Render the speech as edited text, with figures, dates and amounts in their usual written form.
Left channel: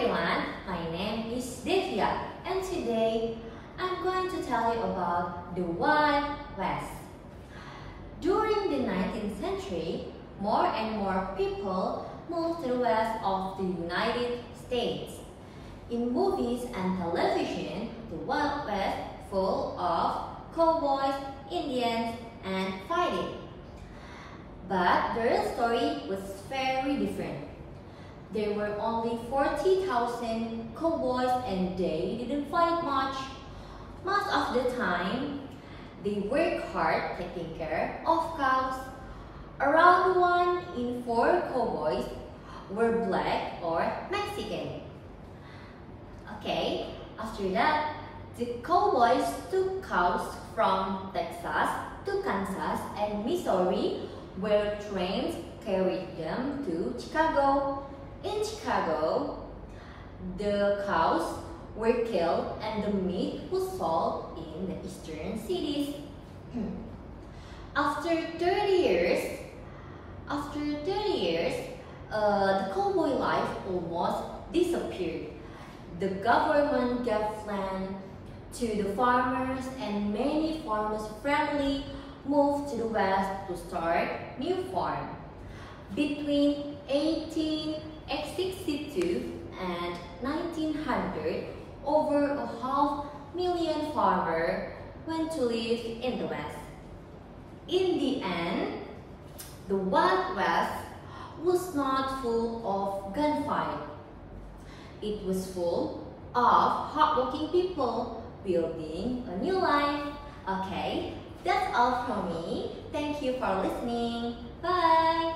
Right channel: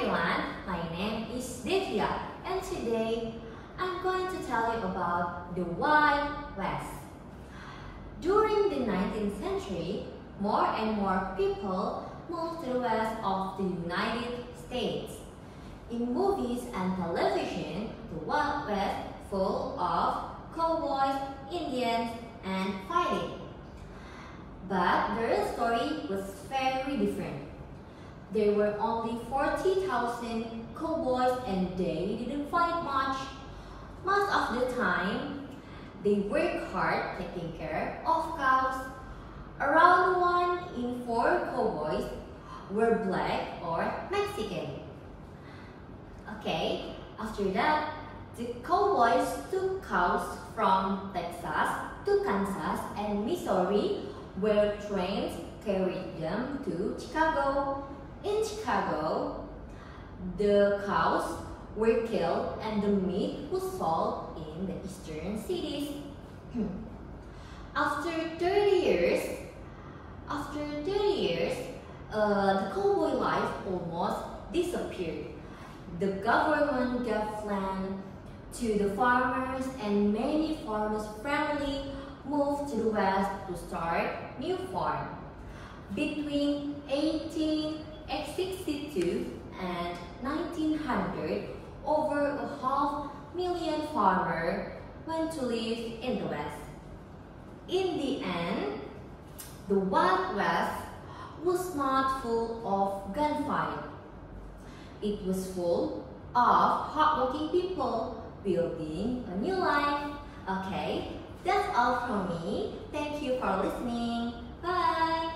everyone, my name is Devia and today I'm going to tell you about the Wild West. During the 19th century, more and more people moved to the west of the United States. In movies and television, the Wild West full of cowboys, Indians, and fighting. But the real story was very different. There were only 40,000 cowboys and they didn't fight much. Most of the time, they worked hard taking care of cows. Around 1 in 4 cowboys were black or Mexican. Okay, after that, the cowboys took cows from Texas to Kansas and Missouri, where trains carried them to Chicago. In Chicago, the cows were killed and the meat was sold in the eastern cities. After 30 years, the cowboy life almost disappeared. The government gave land to the farmers and many farmers' families moved to the west to start new farms. Between 1862 and 1900, over 500,000 farmers went to live in the west. In the end, the Wild West was not full of gunfight. It was full of hardworking people building a new life. Okay, that's all from me. Thank you for listening. Bye!